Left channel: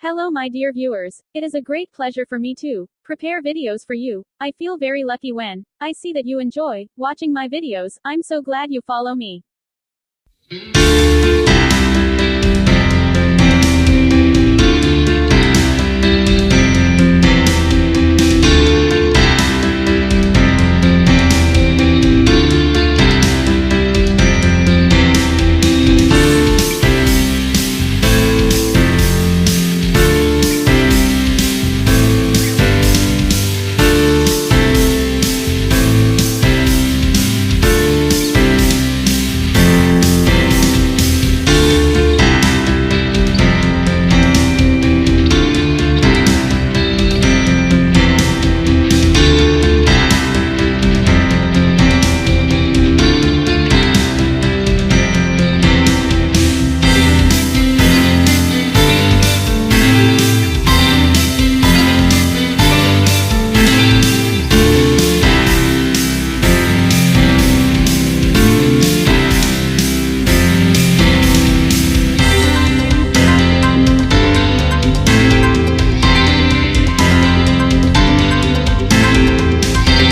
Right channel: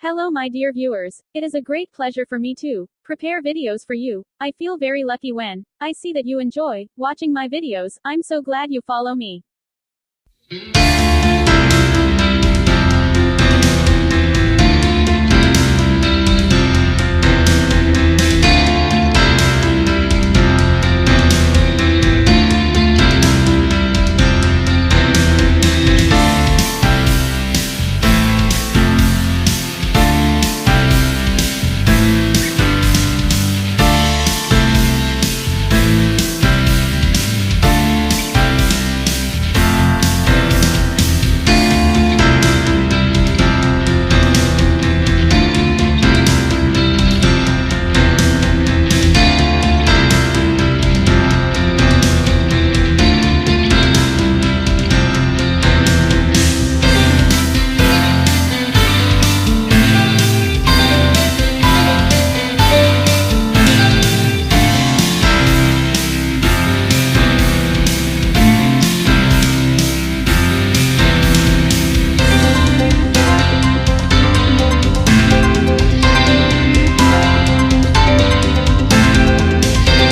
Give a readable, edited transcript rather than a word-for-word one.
Hello my dear viewers, it is a great pleasure for me to prepare videos for you. I feel very lucky when I see that you enjoy watching my videos. I'm so glad you follow me.